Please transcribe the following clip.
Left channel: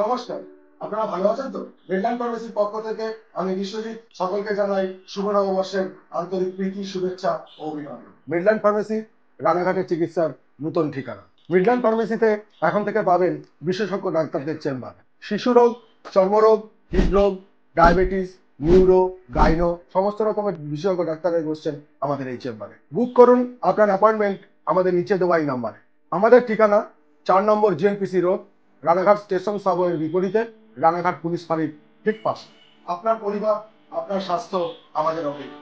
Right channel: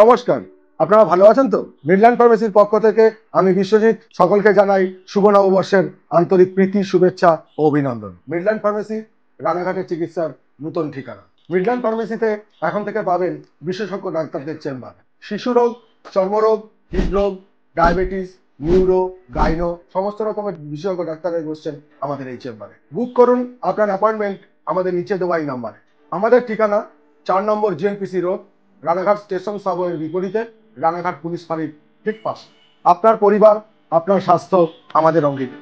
নমস্কার, আপনারা ভালো আছেন তো? মিডল্যান্ড ফার্মেসির পক্ষ থেকে আমি বিশ্বজিৎ সকলকে জানাই শুভ নববর্ষের আন্তরিক প্রীতি, শুভেচ্ছা ও অভিনন্দন। মিডল্যান্ড ফার্মেসি রানাঘাটের চিকিৎসার নতুন ঠিকানা। মিডল্যান্ড ফার্মেসিতে এখন থেকে পাবেন বিশেষজ্ঞ ডাক্তারদের চেম্বার। শিশু রোগ, চর্মরোগ, হৃদরোগ, ডায়াবেটিস, নিউরো, গাইনো সমস্ত রকমের বিশেষজ্ঞ ডাক্তাররা বসছেন আমাদের এই চেম্বারে। বুক করুন আপনার অ্যাপয়েন্টমেন্ট আমাদের নিচে দেওয়া এই নাম্বারে। আমাদের ঠিকানা 4 নম্বর জিএনপিসি রোড, রানাঘাট স্টেশন সাবওয়ের বিপরীতে, রানাঘাট পুলিশ ফাঁড়ির ঠিক পাশে। আপনার পরিবার, আপনার স্বাস্থ্য আমাদের অঙ্গীকার।